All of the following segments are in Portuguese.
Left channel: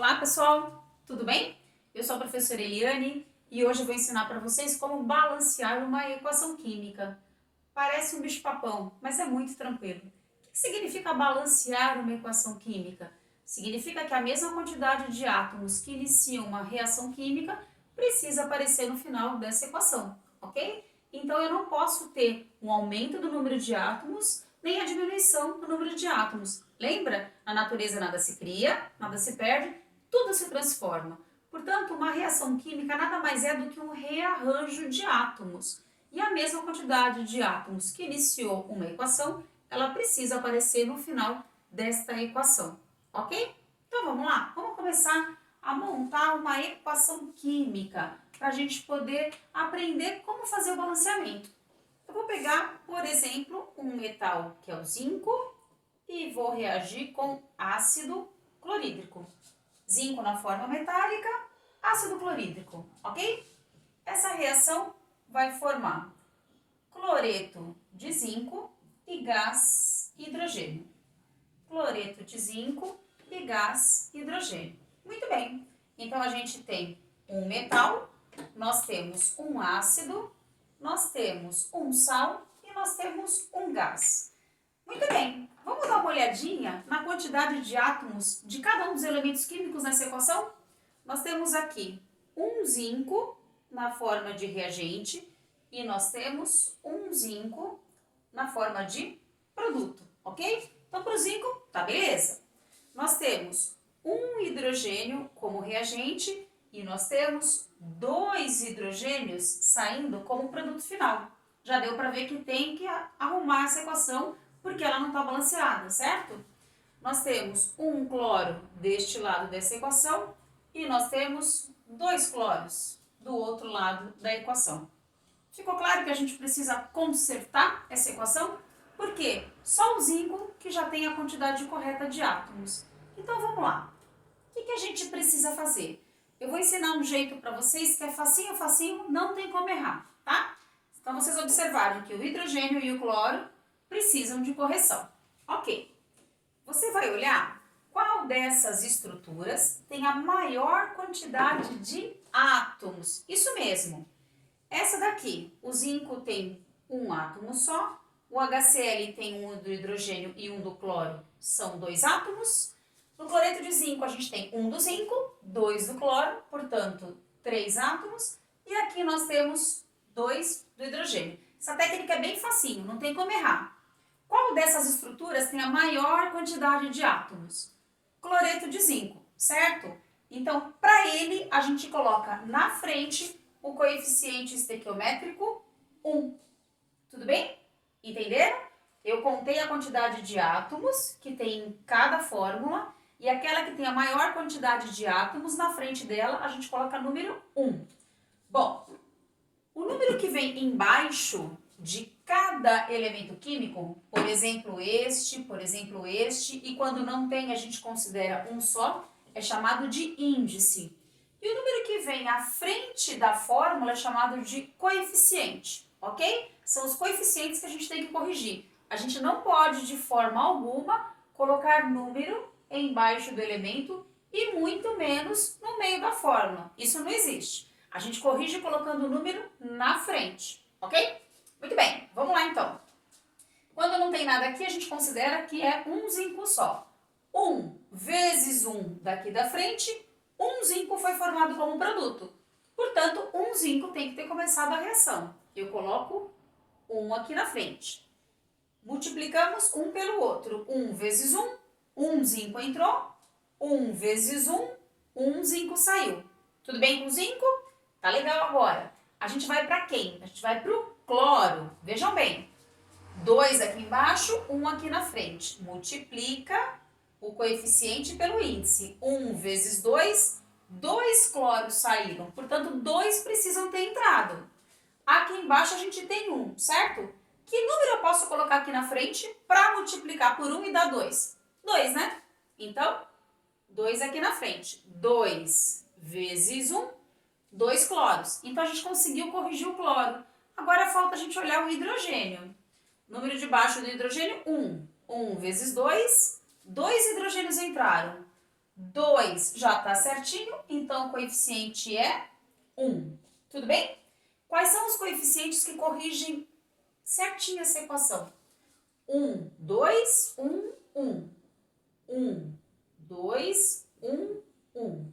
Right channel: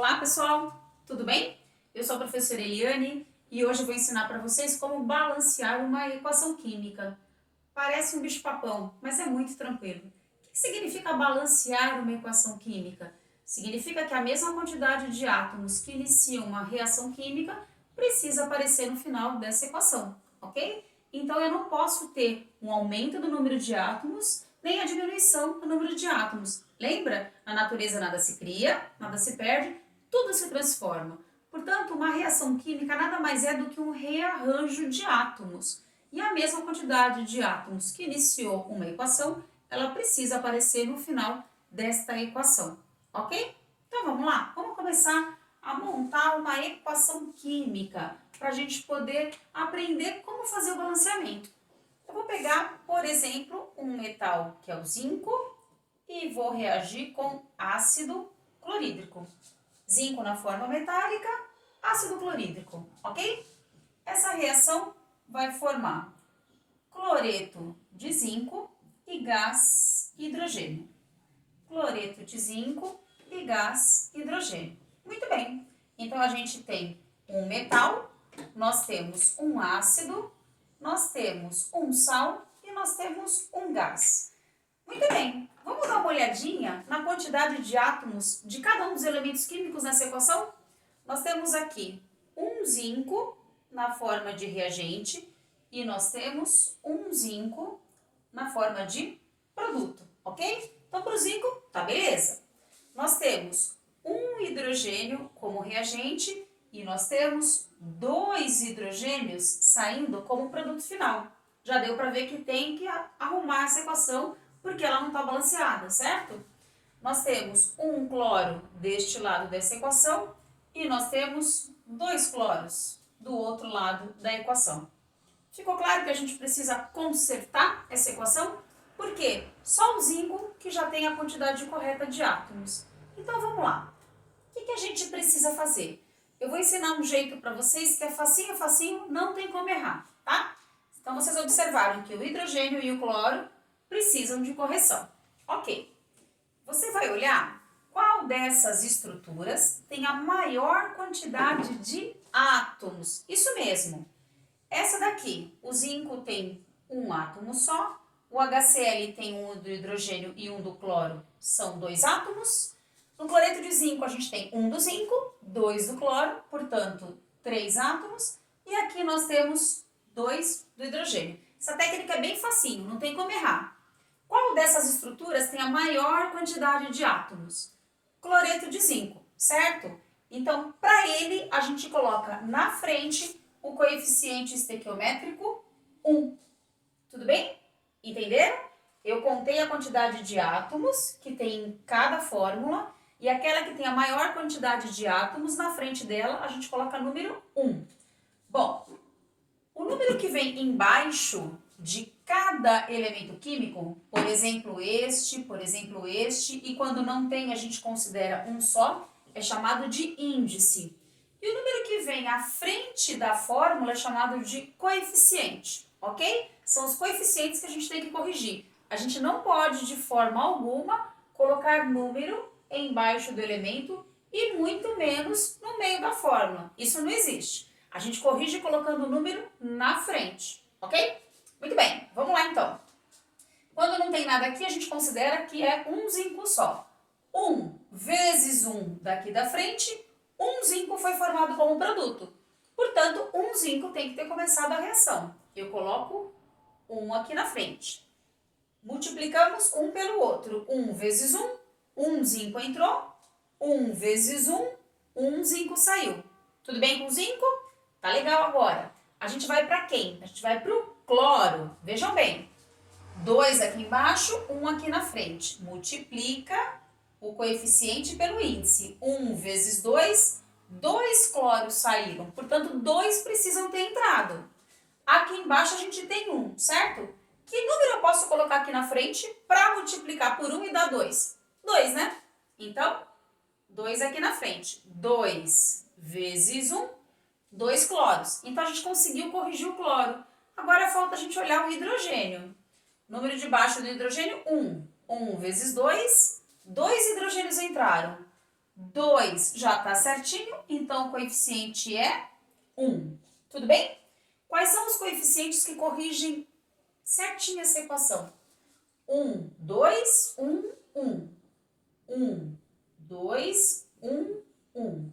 Olá pessoal, tudo bem? Eu sou a professora Eliane e hoje eu vou ensinar para vocês como balancear uma equação química. Parece um bicho-papão, mas é muito tranquilo. O que significa balancear uma equação química? Significa que a mesma quantidade de átomos que iniciam uma reação química precisa aparecer no final dessa equação, ok? Então eu não posso ter um aumento do número de átomos nem a diminuição do número de átomos. Lembra? Na natureza nada se cria, nada se perde, tudo se transforma. Portanto, uma reação química nada mais é do que um rearranjo de átomos. E a mesma quantidade de átomos que iniciou uma equação, ela precisa aparecer no final desta equação, ok? Então vamos lá, vamos começar a montar uma equação química para a gente poder aprender como fazer o balanceamento. Eu vou pegar, por exemplo, um metal que é o zinco e vou reagir com ácido clorídrico. Zinco na forma metálica, ácido clorídrico, ok? Essa reação vai formar cloreto de zinco e gás hidrogênio. Cloreto de zinco e gás hidrogênio. Muito bem, então a gente tem um metal, nós temos um ácido, nós temos um sal e nós temos um gás. Muito bem, vamos dar uma olhadinha na quantidade de átomos de cada um dos elementos químicos nessa equação? Nós temos aqui um zinco na forma de reagente e nós temos um zinco na forma de produto, ok? Então, para o zinco, tá beleza. Nós temos um hidrogênio como reagente e nós temos dois hidrogênios saindo como produto final. Já deu para ver que tem que arrumar essa equação porque ela não está balanceada, certo? Nós temos um cloro deste lado dessa equação e nós temos dois cloros do outro lado da equação. Ficou claro que a gente precisa consertar essa equação? Por quê? Só o zinco que já tem a quantidade correta de átomos. Então vamos lá. O que a gente precisa fazer? Eu vou ensinar um jeito para vocês que é facinho, facinho, não tem como errar, tá? Então vocês observaram que o hidrogênio e o cloro precisam de correção. Ok. Você vai olhar qual dessas estruturas tem a maior quantidade de átomos. Isso mesmo. Essa daqui, o zinco tem um átomo só, o HCl tem um do hidrogênio e um do cloro, são dois átomos. No cloreto de zinco, a gente tem um do zinco, dois do cloro, portanto, três átomos. E aqui nós temos dois do hidrogênio. Essa técnica é bem facinho, não tem como errar. Qual dessas estruturas tem a maior quantidade de átomos? Cloreto de zinco, certo? Então, para ele, a gente coloca na frente o coeficiente estequiométrico 1. Tudo bem? Entenderam? Eu contei a quantidade de átomos que tem em cada fórmula e aquela que tem a maior quantidade de átomos, na frente dela, a gente coloca número 1. Bom, o número que vem embaixo de cada elemento químico, por exemplo este, e quando não tem a gente considera um só, é chamado de índice. E o número que vem à frente da fórmula é chamado de coeficiente, ok? São os coeficientes que a gente tem que corrigir. A gente não pode, de forma alguma, colocar número embaixo do elemento e muito menos no meio da fórmula. Isso não existe. A gente corrige colocando o número na frente, ok? Muito bem, vamos lá então. Quando não tem nada aqui, a gente considera que é um zinco só. 1 vezes 1 daqui da frente, um zinco foi formado como produto. Portanto, um zinco tem que ter começado a reação. Eu coloco 1 aqui na frente. Multiplicamos um pelo outro. 1 vezes 1, um zinco entrou. 1 vezes 1, um zinco saiu. Tudo bem com o zinco? Tá legal agora. A gente vai para quem? A gente vai para o cloro. Vejam bem. 2 aqui embaixo, 1 aqui na frente. Multiplica o coeficiente pelo índice. 1 vezes 2, 2 cloros saíram. Portanto, 2 precisam ter entrado. Aqui embaixo a gente tem 1, certo? Que número eu posso colocar aqui na frente para multiplicar por 1 e dar 2? 2, né? Então, 2 aqui na frente. 2 vezes 1, 2 cloros. Então, a gente conseguiu corrigir o cloro. Agora, falta a gente olhar o hidrogênio. Número de baixo do hidrogênio, 1. 1 vezes 2, 2 hidrogênios entraram. 2 já está certinho, então o coeficiente é 1. Tudo bem? Quais são os coeficientes que corrigem certinho essa equação? 1, 2, 1, 1. 1, 2, 1, 1.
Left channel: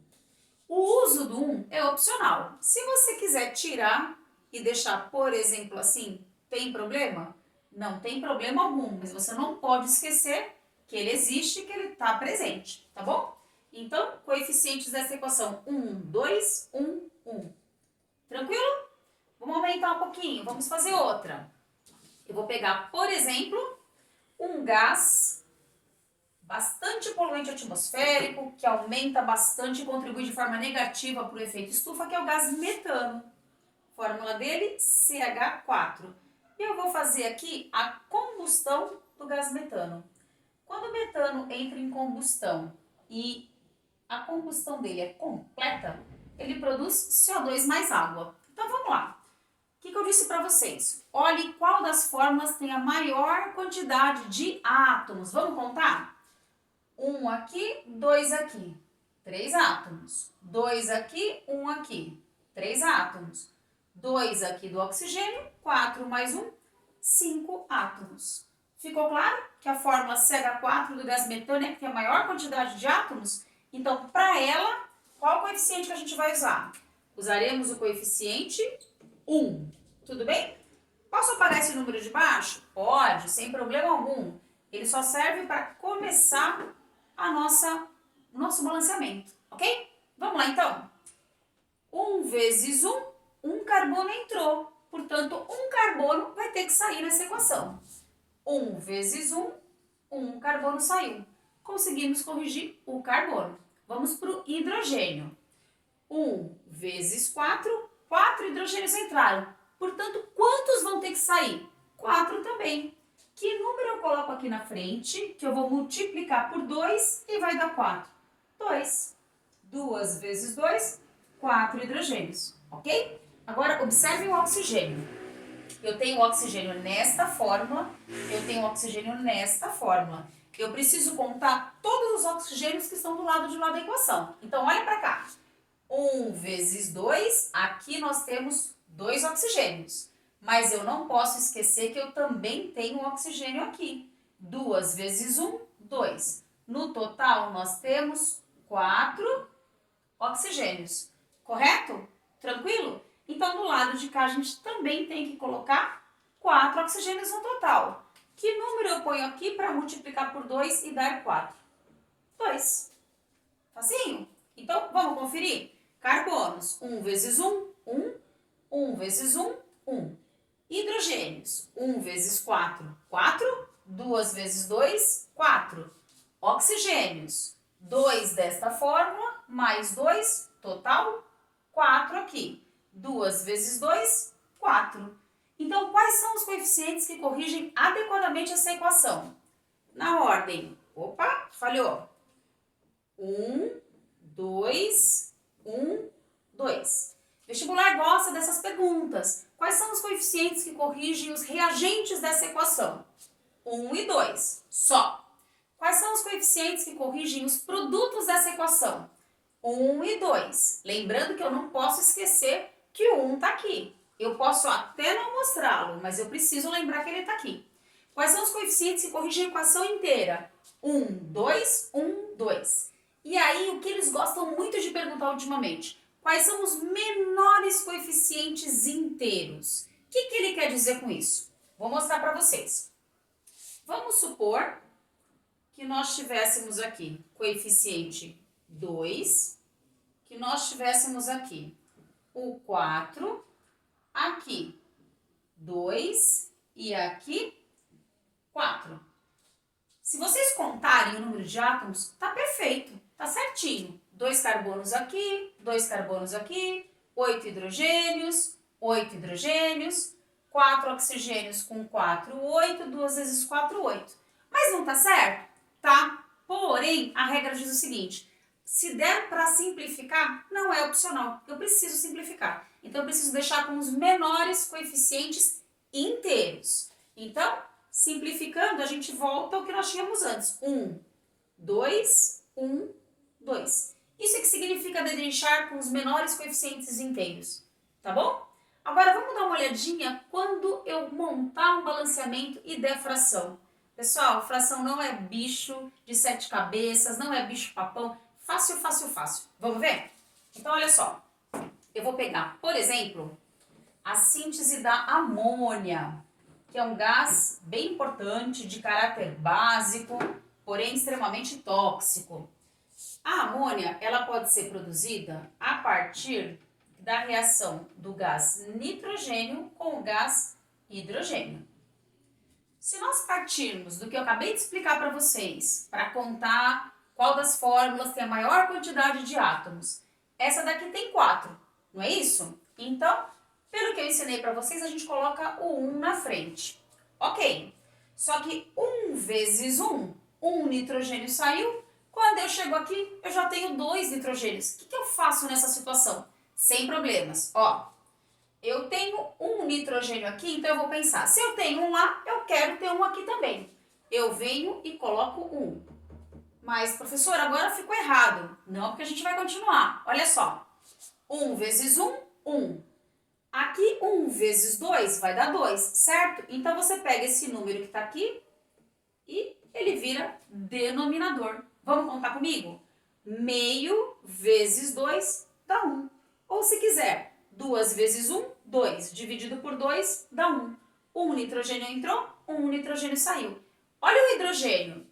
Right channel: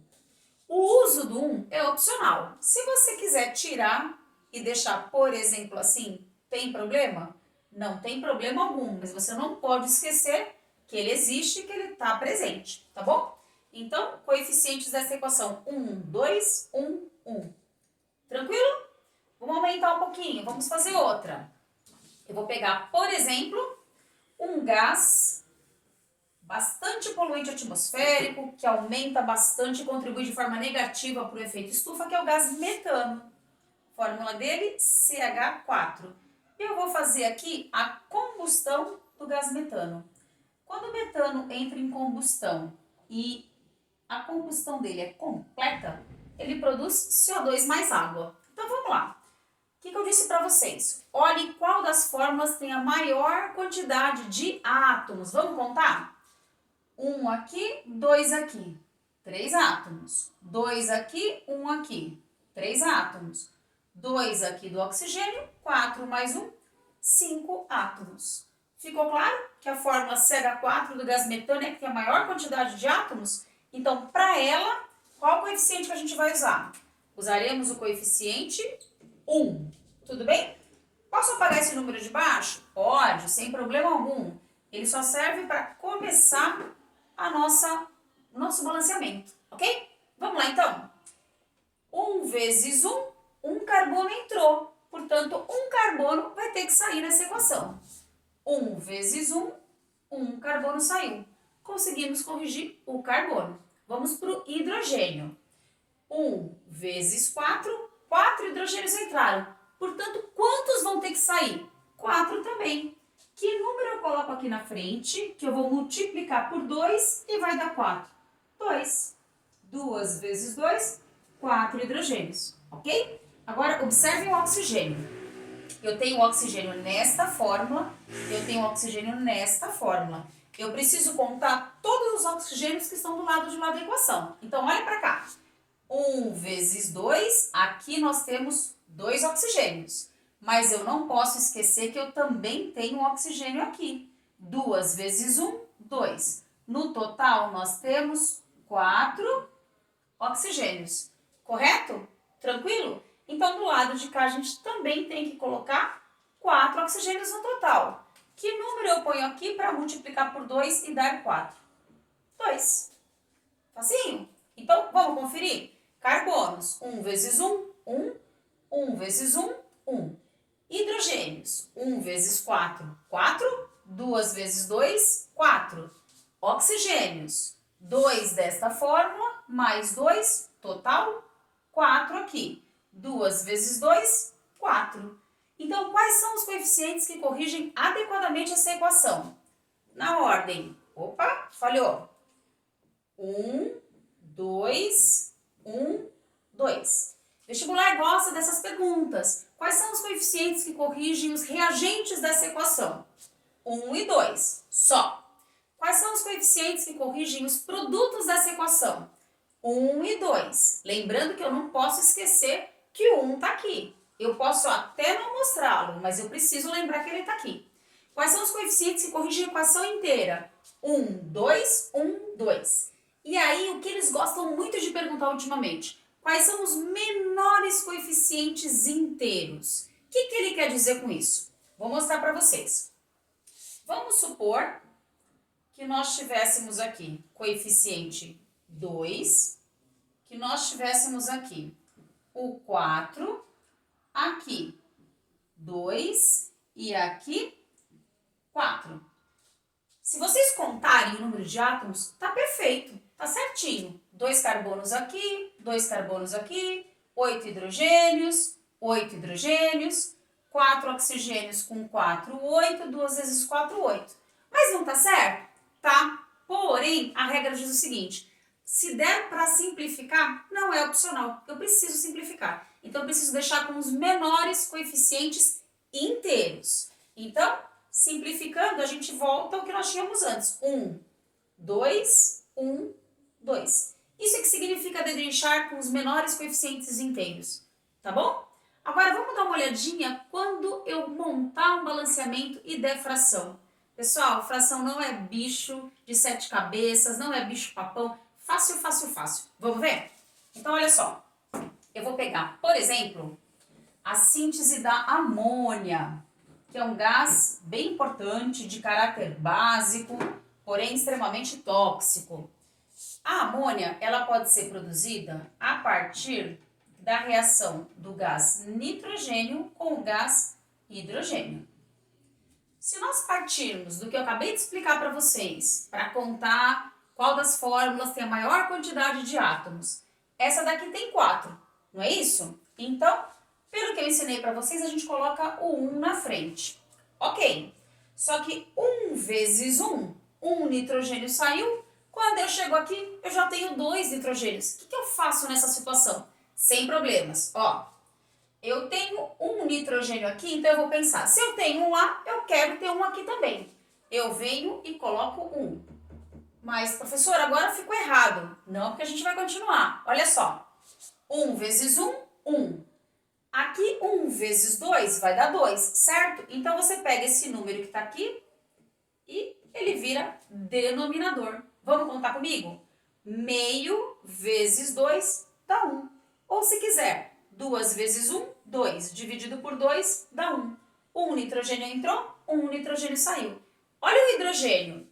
O uso do 1 é opcional. Se você quiser tirar e deixar, por exemplo, assim, tem problema? Não tem problema algum, mas você não pode esquecer que ele existe e que ele está presente, tá bom? Então, coeficientes dessa equação: 1, 2, 1, 1. Tranquilo? Vamos aumentar um pouquinho, vamos fazer outra. Eu vou pegar, por exemplo, um gás bastante poluente atmosférico, que aumenta bastante e contribui de forma negativa para o efeito estufa, que é o gás metano. Fórmula dele, CH4. E eu vou fazer aqui a combustão do gás metano. Quando o metano entra em combustão e a combustão dele é completa, ele produz CO2 mais água. Então vamos lá. O que eu disse para vocês? Olhe qual das fórmulas tem a maior quantidade de átomos. Vamos contar? 1 aqui, 2 aqui. 3 átomos. 2 aqui, 1 aqui. 3 átomos. 2 aqui do oxigênio, 4 mais 1, 5 átomos. Ficou claro que a fórmula CH4 do gás metano é que tem a maior quantidade de átomos? Então, para ela, qual o coeficiente que a gente vai usar? Usaremos o coeficiente 1. Tudo bem? Posso apagar esse número de baixo? Pode, sem problema algum. Ele só serve para começar o nosso balanceamento, ok? Vamos lá, então. 1 vezes 1, 1 carbono entrou. Portanto, 1 carbono vai ter que sair nessa equação. 1 vezes 1, 1 carbono saiu. Conseguimos corrigir o carbono. Vamos para o hidrogênio. 1 vezes 4, 4 hidrogênios entraram. Portanto, quantos vão ter que sair? 4 também. Que número eu coloco aqui na frente, que eu vou multiplicar por 2 e vai dar 4? 2. 2 vezes 2, 4 hidrogênios, ok? Agora, observe o oxigênio. Eu tenho oxigênio nesta fórmula, eu tenho oxigênio nesta fórmula. Eu preciso contar todos os oxigênios que estão do lado de lá da equação. Então, olha para cá. 1 vezes 2, aqui nós temos 2 oxigênios. Mas eu não posso esquecer que eu também tenho oxigênio aqui. 2 vezes 1, 2. No total, nós temos 4 oxigênios. Correto? Tranquilo? Então, do lado de cá, a gente também tem que colocar 4 oxigênios no total. Que número eu ponho aqui para multiplicar por 2 e dar 4? 2. Facinho? Então, vamos conferir? Carbonos, 1 vezes 1, 1. 1 vezes 1, 1. Hidrogênios, 1 vezes 4, 4. 2 vezes 2, 4. Oxigênios, 2 desta fórmula, mais 2, total 4 aqui. 2 vezes 2, 4. Então, quais são os coeficientes que corrigem adequadamente essa equação? Na ordem. Opa, falhou. 1, 2, 1, 2. Vestibular gosta dessas perguntas. Quais são os coeficientes que corrigem os reagentes dessa equação? 1 e 2, só. Quais são os coeficientes que corrigem os produtos dessa equação? 1 e 2. Lembrando que eu não posso esquecer que o 1 está aqui. Eu posso até não mostrá-lo, mas eu preciso lembrar que ele está aqui. Quais são os coeficientes que corrigem a equação inteira? 1, 2, 1, 2. E aí, o que eles gostam muito de perguntar ultimamente? Quais são os menores coeficientes inteiros? O que ele quer dizer com isso? Vou mostrar para vocês. Vamos supor que nós tivéssemos aqui coeficiente 2, que nós tivéssemos aqui o 4, aqui 2 e aqui 4. Se vocês contarem o número de átomos, tá perfeito, tá certinho. 2 carbonos aqui, 2 carbonos aqui, 8 hidrogênios, 8 hidrogênios, 4 oxigênios com 4, 8, 2 vezes 4, 8. Mas não tá certo? Tá. Porém, a regra diz o seguinte, se der para simplificar, não é opcional, eu preciso simplificar. Então, eu preciso deixar com os menores coeficientes inteiros. Então, simplificando, a gente volta ao que nós tínhamos antes. 1, 2, 1, 2. Isso é que significa dedrinchar com os menores coeficientes inteiros, tá bom? Agora vamos dar uma olhadinha quando eu montar um balanceamento e der fração. Pessoal, fração não é bicho de 7 cabeças, não é bicho papão. Fácil, fácil, fácil. Vamos ver? Então, olha só. Eu vou pegar, por exemplo, a síntese da amônia, que é um gás bem importante, de caráter básico, porém extremamente tóxico. A amônia, ela pode ser produzida a partir da reação do gás nitrogênio com o gás hidrogênio. Se nós partirmos do que eu acabei de explicar para vocês, para contar qual das fórmulas tem a maior quantidade de átomos, essa daqui tem 4, não é isso? Então, pelo que eu ensinei para vocês, a gente coloca o 1 na frente. Ok, só que 1 vezes 1, 1 nitrogênio saiu. Quando eu chego aqui, eu já tenho 2 nitrogênios. O que eu faço nessa situação? Sem problemas. Ó, eu tenho um nitrogênio aqui, então eu vou pensar, se eu tenho um lá, eu quero ter um aqui também. Eu venho e coloco um. Mas, professor, agora ficou errado. Não, porque a gente vai continuar. Olha só. 1 vezes 1, 1. Aqui, 1 vezes 2 vai dar 2, certo? Então, você pega esse número que está aqui e ele vira denominador. Vamos contar comigo? Meio vezes 2 dá 1. Ou se quiser, 2 vezes 1, 2. Dividido por 2 dá 1. Um nitrogênio entrou, um nitrogênio saiu. Olha o hidrogênio.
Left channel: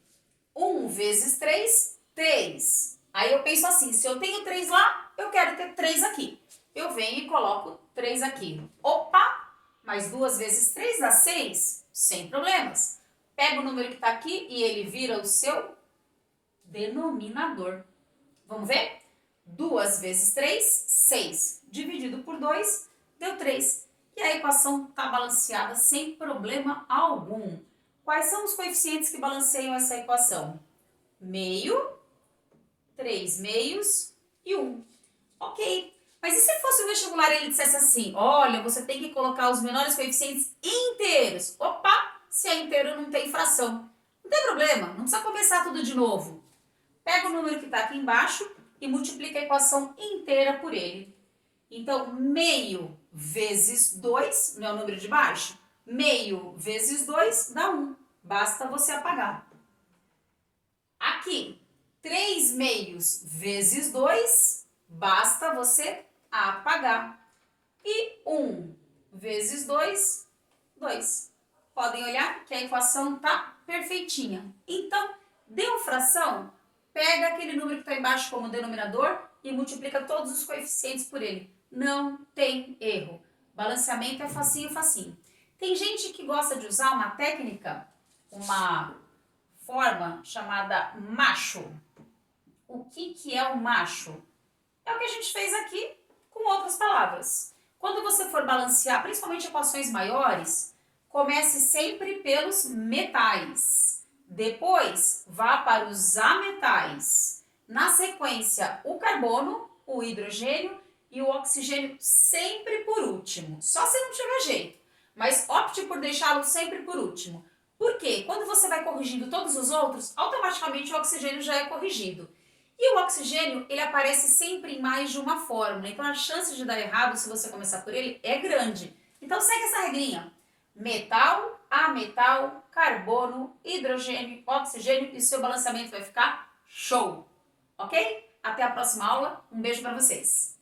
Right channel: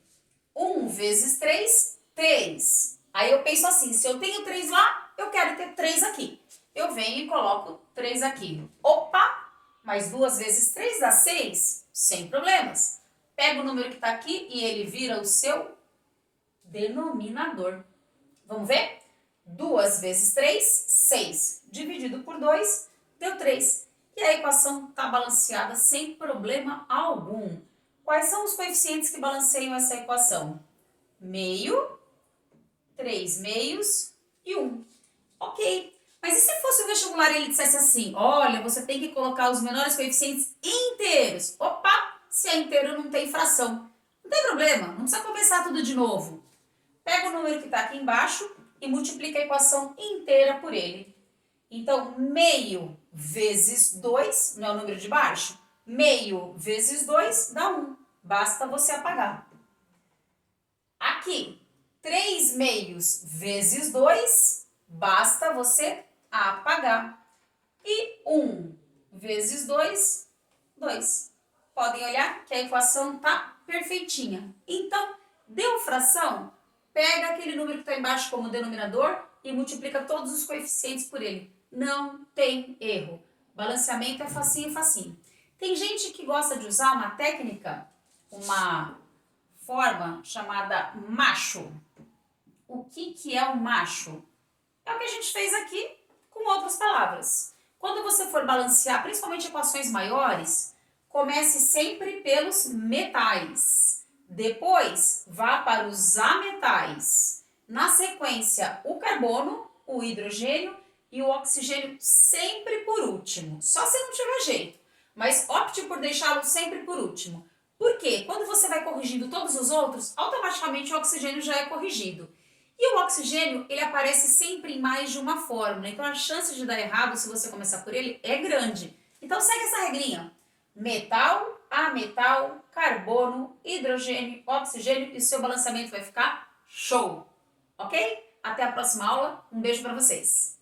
1 vezes 3, 3. Aí eu penso assim, se eu tenho 3 lá, eu quero ter 3 aqui. Eu venho e coloco 3 aqui. Opa! Mas 2 vezes 3 dá 6? Sem problemas. Pega o número que está aqui e ele vira o seu denominador. Vamos ver? 2 vezes 3, 6. Dividido por 2, deu 3. E a equação está balanceada sem problema algum. Quais são os coeficientes que balanceiam essa equação? Meio, 3 meios e 1. Ok. Mas e se fosse o vestibular e ele dissesse assim, olha, você tem que colocar os menores coeficientes inteiros. Opa, se é inteiro não tem fração. Não tem problema, não precisa começar tudo de novo. Pega o número que está aqui embaixo e multiplica a equação inteira por ele. Então, meio vezes 2, não é o número de baixo? Meio vezes 2 dá 1. Basta você apagar. Aqui, 3 meios vezes 2, basta você apagar. E 1 vezes 2, 2. Podem olhar que a equação está perfeitinha. Então, deu fração? Pega aquele número que está embaixo como denominador e multiplica todos os coeficientes por ele. Não tem erro. Balanceamento é facinho, facinho. Tem gente que gosta de usar uma técnica, uma forma chamada macho. O que é o macho? É o que a gente fez aqui com outras palavras. Quando você for balancear, principalmente equações maiores, comece sempre pelos metais. Depois, vá para os ametais. Na sequência, o carbono, o hidrogênio e o oxigênio sempre por último. Só se não tiver jeito. Mas opte por deixá-lo sempre por último. Por quê? Quando você vai corrigindo todos os outros, automaticamente o oxigênio já é corrigido. E o oxigênio, ele aparece sempre em mais de uma fórmula. Então, a chance de dar errado, se você começar por ele, é grande. Então, segue essa regrinha. Metal, ametal, carbono, hidrogênio, oxigênio e seu balanceamento vai ficar show. Ok? Até a próxima aula. Um beijo para vocês.